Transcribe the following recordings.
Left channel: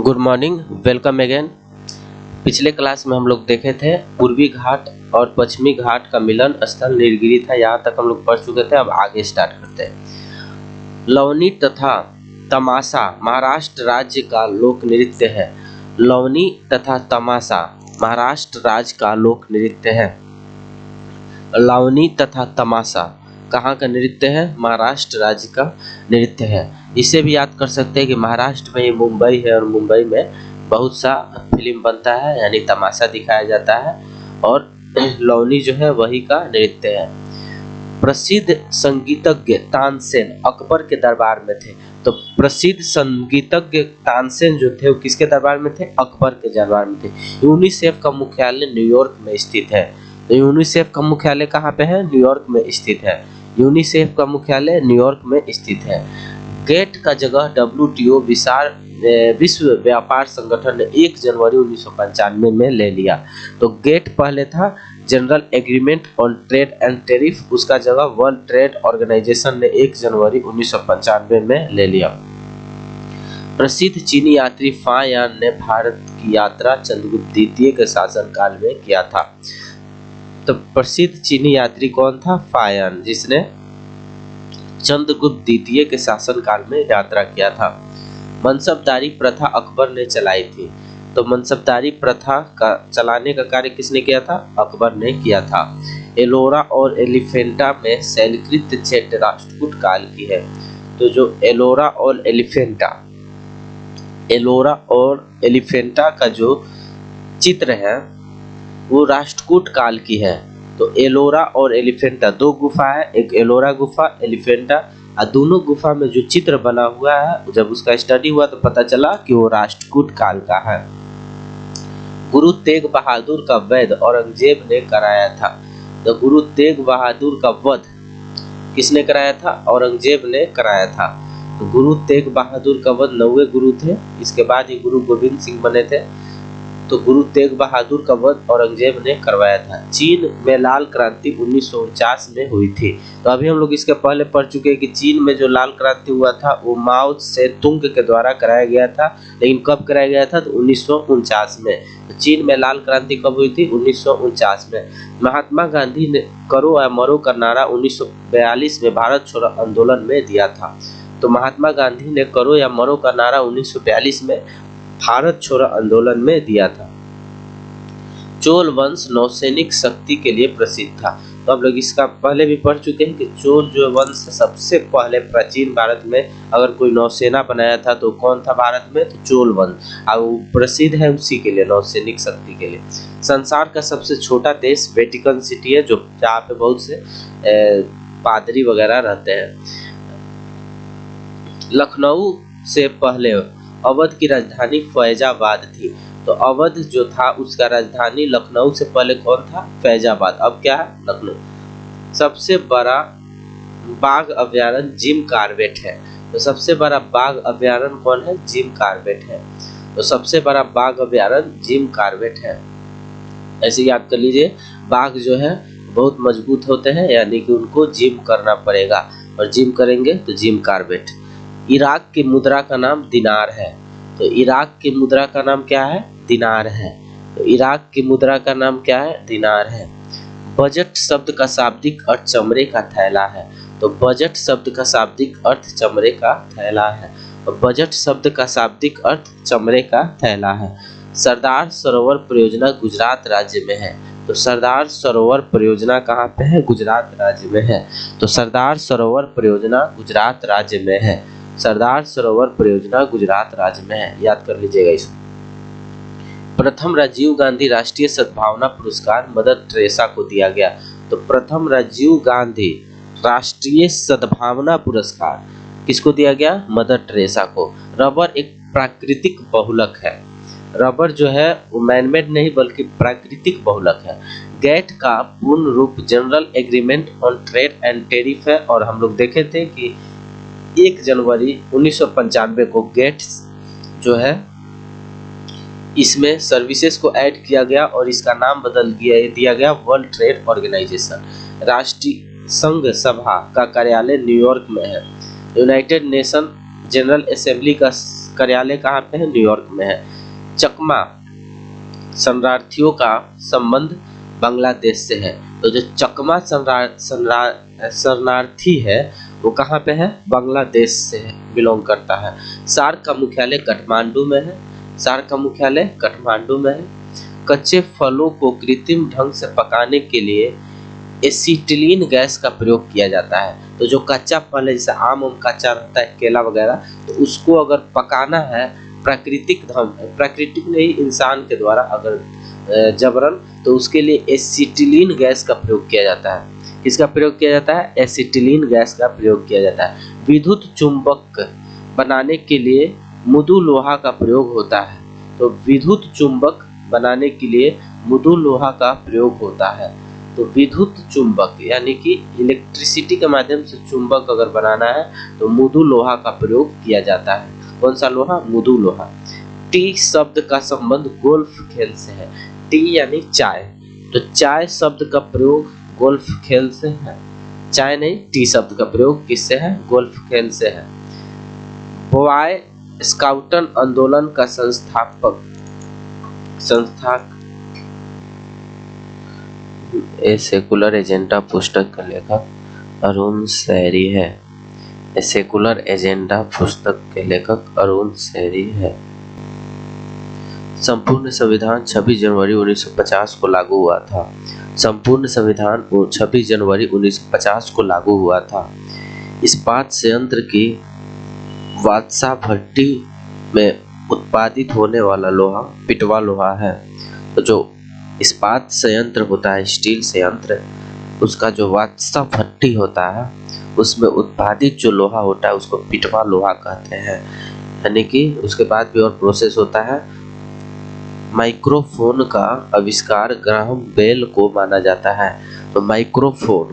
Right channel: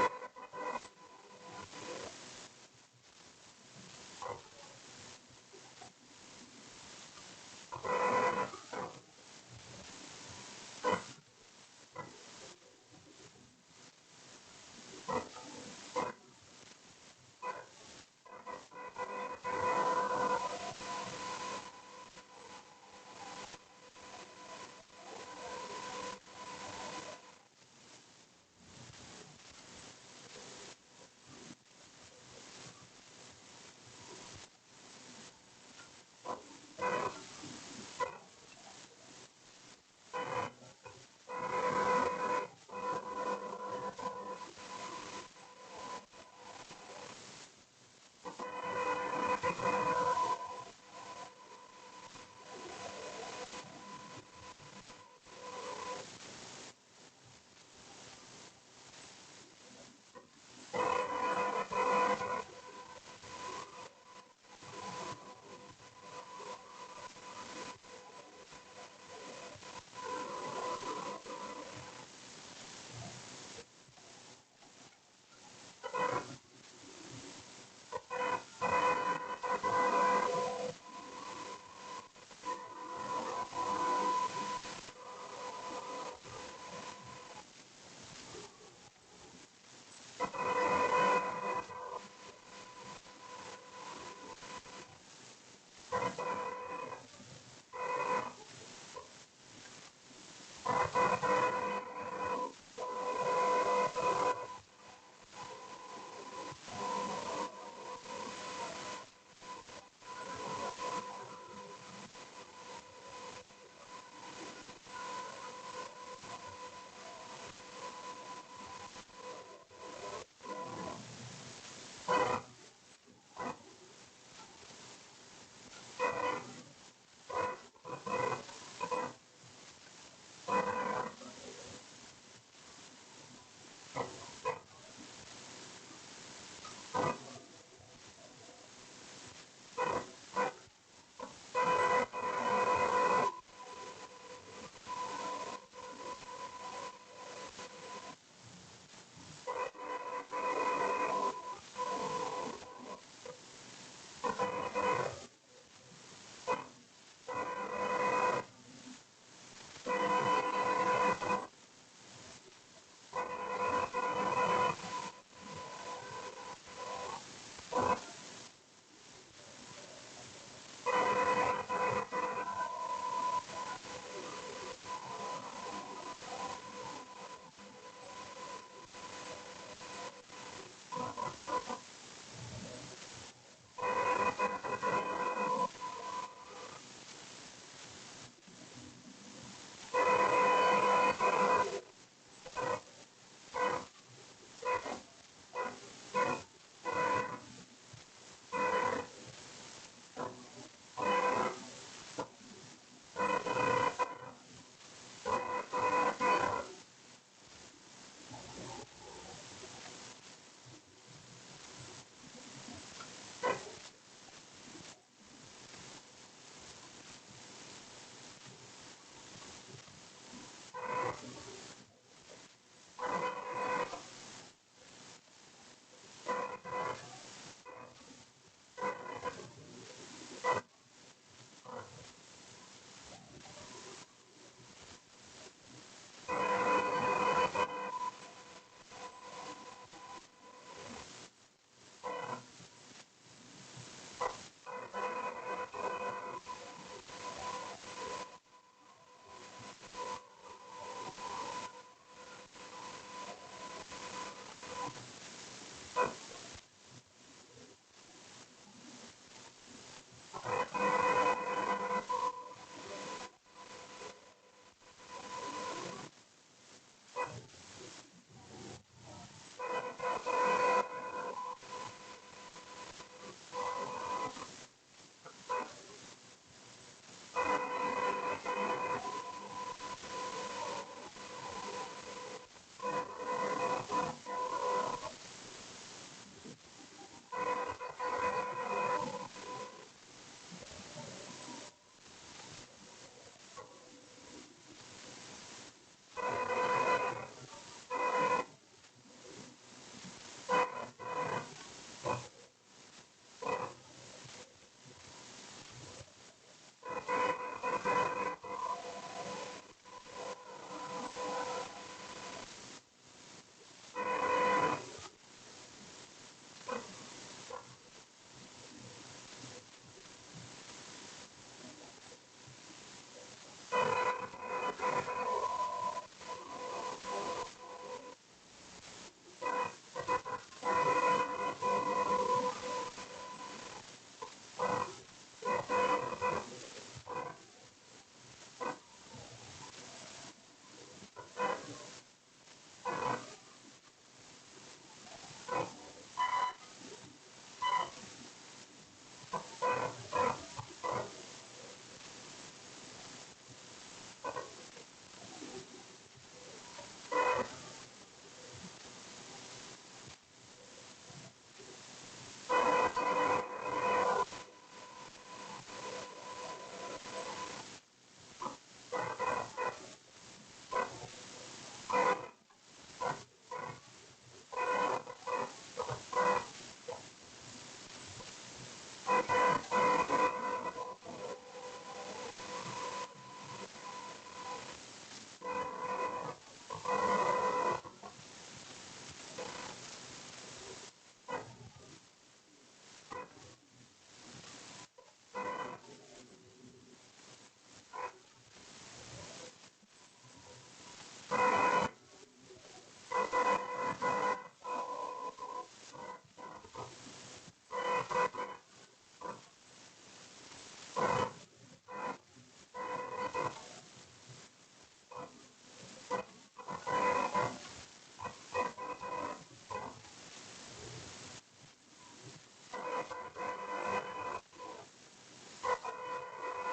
Good morning, welcome again. पिछले class में हम लोग देखे थे पूर्वी घाट और पश्चिमी घाट का मिलन स्थल नीलगिरी था। यहाँ तक हम लोग पढ़ चुके थे। अब आगे स्टार्ट करते हैं। लवनी तथा तमाशा महाराष्ट्र राज्य का लोक नृत्य है। लवनी तथा तमाशा महाराष्ट्र राज्य का लोक नृत्य है। लावनी तथा तमाशा कहाँ का नृत्य है? महाराष्ट्र राज्य का नृत्य है। इसे भी याद कर सकते हैं कि महाराष्ट्र में ये मुंबई है और मुंबई में बहुत सा फिल्म बनता है, यानी तमाशा दिखाया जाता है। और लावनी जो है वही का नृत्य है। प्रसिद्ध संगीतज्ञ तानसेन अकबर के दरबार में थे। तो प्रसिद्ध संगीतज्ञ तानसेन जो थे वो किसके दरबार में थे? अकबर के दरबार में थे। यूनिसेफ का मुख्यालय न्यूयॉर्क में स्थित है। तो यूनिसेफ का मुख्यालय कहाँ पे है? न्यूयॉर्क में स्थित है। यूनिसेफ का मुख्यालय न्यूयॉर्क में स्थित है। गेट का जगह WTO विश्व व्यापार संगठन ने 1 जनवरी 1995 में ले लिया। तो गेट पहले था general agreement on trade and tariff, उसका जगह वर्ल्ड ट्रेड ऑर्गेनाइजेशन ने 1 जनवरी 1995 में ले लिया। प्रसिद्ध चीनी यात्री फायान ने भारत की यात्रा चंद्रगुप्त द्वितीय के शासनकाल में किया था। तो प्रसिद्ध चीनी यात्री कौन था? फायान, जिसने चंद्रगुप्त द्वितीय के शासनकाल में यात्रा किया था। मनसबदारी प्रथा अकबर ने चलाई थी। तो मनसबदारी प्रथा का चलाने का कार्य किसने किया था? अकबर ने किया था। एलोरा और एलिफेंटा में शैलकृत क्षेत्र राष्ट्रकूट काल की है। तो जो एलोरा और एलिफेंटा का जो चित्र है वो राष्ट्रकूट काल की है। तो एलोरा और एलिफेंटा 2 गुफा है, एक एलोरा गुफा, एलिफेंटा, और दोनों गुफा में जो चित्र बना हुआ है, जब उसका स्टडी हुआ तो पता चला कि वो राष्ट्रकूट काल का है। गुरु तेग बहादुर का वध औरंगजेब ने कराया था। तो गुरु तेग बहादुर का वध किसने कराया था? औरंगजेब ने कराया था। तो गुरु तेग बहादुर का वध 9वें गुरु थे, इसके बाद ही गुरु गोविंद सिंह बने थे। तो गुरु तेग बहादुर का वध औरंगजेब ने करवाया था। चीन में लाल क्रांति 1949 में हुई थी। तो अभी हम लोग इसके पहले पढ़ चुके हैं कि चीन में जो लाल क्रांति हुआ था वो माओ से तुंग के द्वारा कराया गया था। लेकिन कब कराया गया था? तो 1949 में। तो चीन में लाल क्रांति कब हुई थी? 1949 में। महात्मा गांधी ने करो या मरो का नारा 1942 में भारत छोड़ो आंदोलन में दिया था। तो महात्मा गांधी ने करो या मरो का नारा 1942 में भारत छोड़ो आंदोलन में दिया था। चोल वंश नौसैनिक शक्ति के लिए प्रसिद्ध था। तो हम लोग इसका पहले भी पढ़ चुके हैं कि चोल जो वंश सबसे पहले प्राचीन भारत में अगर कोई नौसेना बनाया था तो कौन था भारत में? तो चोल वंश। और वो प्रसिद्ध है उसी के लिए, नौसैनिक शक्ति के लिए। संसार का सबसे छोटा देश वेटिकन सिटी है, जो जहाँ पे बहुत से पादरी वगैरह रहते हैं। लखनऊ से पहले अवध की राजधानी फैजाबाद थी। तो अवध जो था उसका राजधानी लखनऊ से पहले कौन था? फैजाबाद। अब क्या है? लखनऊ। सबसे बड़ा बाघ अभयारण्य जिम कॉर्बेट है। तो सबसे बड़ा बाघ अभयारण्य कौन है? जिम कॉर्बेट है। तो सबसे बड़ा बाघ अभयारण्य जिम कॉर्बेट है। ऐसे याद कर लीजिए, बाघ जो है बहुत मजबूत होते हैं, यानी कि उनको जिम करना पड़ेगा, और जिम करेंगे तो जिम कॉर्बेट। इराक की मुद्रा का नाम दिनार है। तो इराक की मुद्रा का नाम क्या है? दिनार है। तो इराक की मुद्रा का नाम क्या है? दिनार है। बजट शब्द का शाब्दिक अर्थ चमड़े का थैला है। तो बजट शब्द का शाब्दिक अर्थ चमड़े का थैला है। तो बजट शब्द का शाब्दिक अर्थ चमड़े का थैला है। सरदार सरोवर परियोजना गुजरात राज्य में है। तो सरदार सरोवर परियोजना कहाँ पे है? गुजरात राज्य में है। तो सरदार सरोवर परियोजना गुजरात राज्य में है। सरदार सरोवर परियोजना गुजरात राज्य में है, याद कर लीजिएगा इसको। प्रथम राजीव गांधी राष्ट्रीय सद्भावना पुरस्कार मदर टेरेसा को दिया गया। तो प्रथम राजीव गांधी राष्ट्रीय सद्भावना पुरस्कार किसको दिया गया? मदर टेरेसा को। रबर एक प्राकृतिक बहुलक है। रबर जो है वो मैनमेड नहीं बल्कि प्राकृतिक बहुलक है। गेट का पूर्ण रूप general agreement on trade and tariff है, और हम लोग देखे थे कि 1 जनवरी 1995 को गेट्स जो है इसमें सर्विसेज को ऐड किया गया और इसका नाम बदल दिया गया वर्ल्ड ट्रेड ऑर्गेनाइजेशन। राष्ट्रीय संघ सभा का कार्यालय न्यूयॉर्क में है। यूनाइटेड नेशन जनरल असेंबली का कार्यालय कहाँ पे है? न्यूयॉर्क में है। चकमा शरणार्थियों का संबंध बांग्लादेश से है। तो जो चकमा शरणार्थी है वो कहाँ पे है? बांग्लादेश से बिलोंग करता है। सार्क का मुख्यालय काठमांडू में है। सार्क का मुख्यालय काठमांडू में है। कच्चे फलों को कृत्रिम ढंग से पकाने के लिए एसिटिलीन गैस का प्रयोग किया जाता है। तो जो कच्चा फल है, जैसे आम कच्चा रहता है, केला वगैरह, तो उसको अगर पकाना है प्राकृतिक नहीं, इंसान के द्वारा अगर जबरन, तो उसके लिए एसिटिलीन गैस का प्रयोग किया जाता है। इसका प्रयोग किया जाता है, एसिटिलीन गैस का प्रयोग किया जाता है। विद्युत चुंबक बनाने के लिए मृदु लोहा का प्रयोग होता है। तो विद्युत चुंबक बनाने के लिए मृदु लोहा का प्रयोग होता है। तो विद्युत चुंबक यानी कि इलेक्ट्रिसिटी के माध्यम से चुंबक अगर बनाना है तो मृदु लोहा का प्रयोग किया जाता है। कौन सा लोहा? मृदु लोहा। टी शब्द का संबंध गोल्फ खेल से है। टी यानी चाय, तो चाय शब्द का प्रयोग गोल्फ खेल से है। चाय नहीं, टी शब्द का प्रयोग किससे है? गोल्फ खेल से है। बॉय स्काउटन आंदोलन का ए सेकुलर एजेंडा पुस्तक का लेखक अरुण शैरी है। ए सेकुलर एजेंडा पुस्तक के लेखक अरुण शैरी है। संपूर्ण संविधान 26 जनवरी 1950 को लागू हुआ था। संपूर्ण संविधान 26 जनवरी 1950 को लागू हुआ था। इस्पात संयंत्र की वात्सा भट्टी में उत्पादित होने वाला लोहा पिटवा लोहा है। तो जो इस्पात संयंत्र होता है, स्टील संयंत्र, उसका जो वात्सा भट्टी होता है उसमें उत्पादित जो लोहा होता है उसको पिटवा लोहा कहते हैं। यानी कि उसके बाद भी और प्रोसेस होता है। माइक्रोफोन का आविष्कार ग्राहम बेल को माना जाता है। तो माइक्रोफोन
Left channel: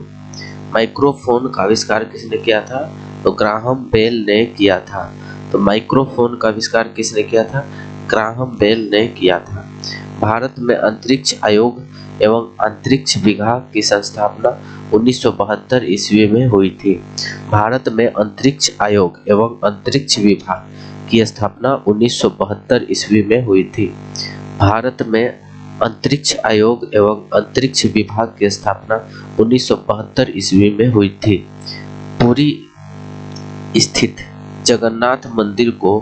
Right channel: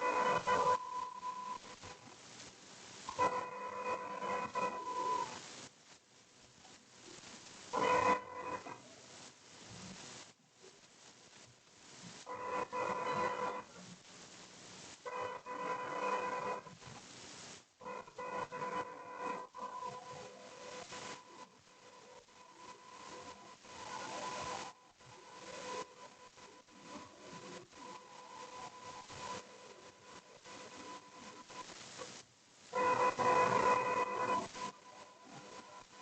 का आविष्कार किसने किया था? तो ग्राहम बेल ने किया था। तो माइक्रोफोन का आविष्कार किसने किया था? ग्राहम बेल ने किया था। भारत में अंतरिक्ष आयोग एवं अंतरिक्ष विभाग की स्थापना 1972 ईस्वी में हुई थी। भारत में अंतरिक्ष आयोग एवं अंतरिक्ष विभाग की स्थापना 1972 ईस्वी में हुई थी। भारत में अंतरिक्ष आयोग एवं अंतरिक्ष विभाग की स्थापना 1972 ईस्वी में हुई थी। पुरी स्थित जगन्नाथ मंदिर को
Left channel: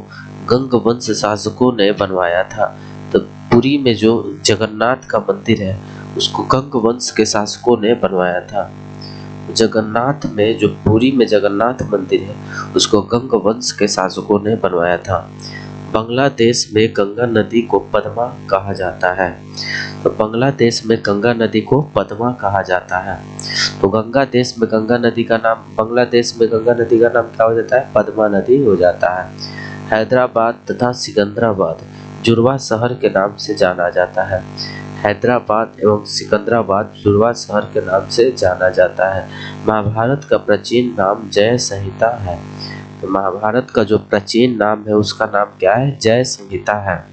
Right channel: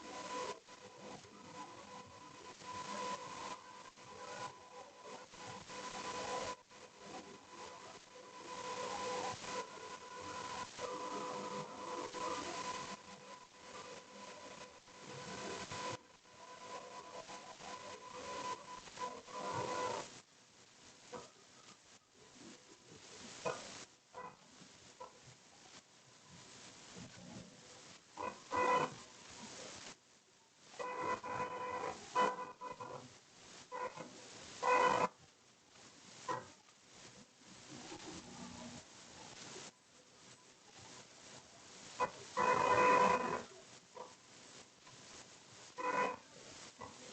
गंग वंश शासकों ने बनवाया था। तो पुरी में जो जगन्नाथ का मंदिर है उसको गंग वंश के शासकों ने बनवाया था। जगन्नाथ में जो पुरी में जगन्नाथ मंदिर है उसको गंग वंश के शासकों ने बनवाया था। बांग्लादेश में गंगा नदी को पद्मा कहा जाता है। तो बांग्लादेश में गंगा नदी को पद्मा कहा जाता है। तो बांग्लादेश में गंगा नदी का नाम क्या हो जाता है? पद्मा नदी हो जाता है। हैदराबाद तथा सिकंदराबाद जुड़वा शहर के नाम से जाना जाता है। हैदराबाद एवं सिकंदराबाद जुड़वा शहर के नाम से जाना जाता है। महाभारत का प्राचीन नाम जय संहिता है। तो महाभारत का जो प्राचीन नाम है उसका नाम क्या है? जय संहिता है।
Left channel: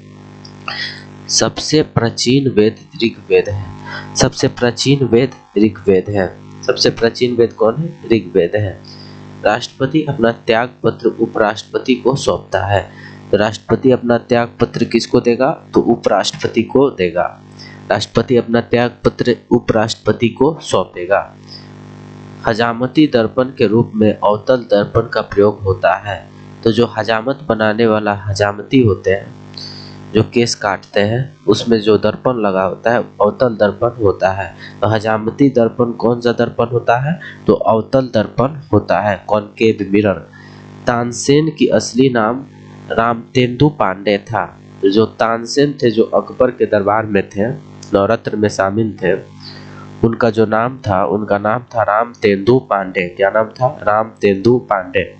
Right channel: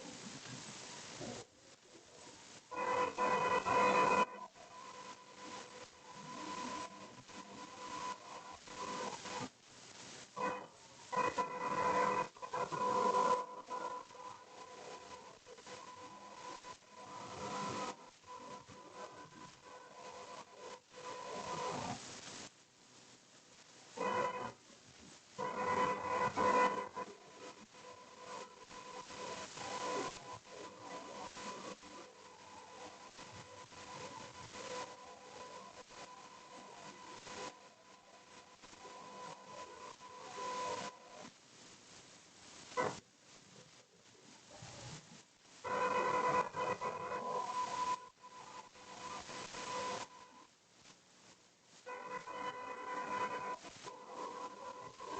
सबसे प्राचीन वेद ऋग्वेद है। सबसे प्राचीन वेद ऋग्वेद है। सबसे प्राचीन वेद कौन है? ऋग्वेद है। राष्ट्रपति अपना त्याग पत्र उपराष्ट्रपति को सौंपता है। तो राष्ट्रपति अपना त्याग पत्र किसको देगा? तो उपराष्ट्रपति को देगा। राष्ट्रपति अपना त्याग पत्र उपराष्ट्रपति को सौंपेगा। हजामती दर्पण के रूप में अवतल दर्पण का प्रयोग होता है। तो जो हजामत बनाने वाला हजामती होते हैं, जो केस काटते हैं, उसमें जो दर्पण लगा होता है अवतल दर्पण होता है। तो हजामती दर्पण कौन सा दर्पण होता है? तो अवतल दर्पण होता है, कॉनकेव मिरर। तानसेन की असली नाम रामतेंदु पांडे था। जो तानसेन थे, जो अकबर के दरबार में थे, नवरत्न में शामिल थे, उनका नाम था रामतेंदु पांडे। क्या नाम था? रामतेंदु पांडे।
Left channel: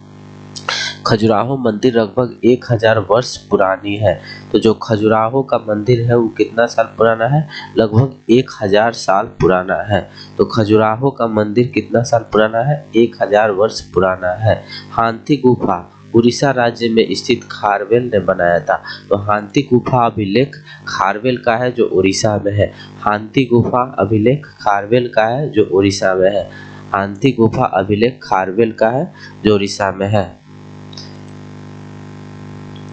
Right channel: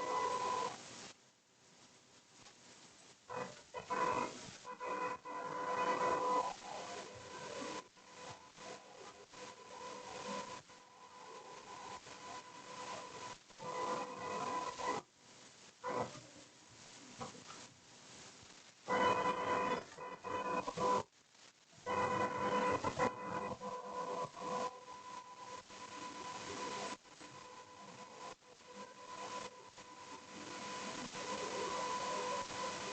खजुराहो मंदिर लगभग 1000 वर्ष पुरानी है। तो जो खजुराहो का मंदिर है वो कितना साल पुराना है? लगभग 1000 साल पुराना है। तो खजुराहो का मंदिर कितना साल पुराना है? 1000 वर्ष पुराना है। हांथी गुफा उड़ीसा राज्य में स्थित खारवेल ने बनाया था। तो हांथी गुफा अभिलेख खारवेल का है जो उड़ीसा में है। हांथी गुफा अभिलेख खारवेल का है जो उड़ीसा में है। हांथी गुफा अभिलेख खारवेल का है जो उड़ीसा में है।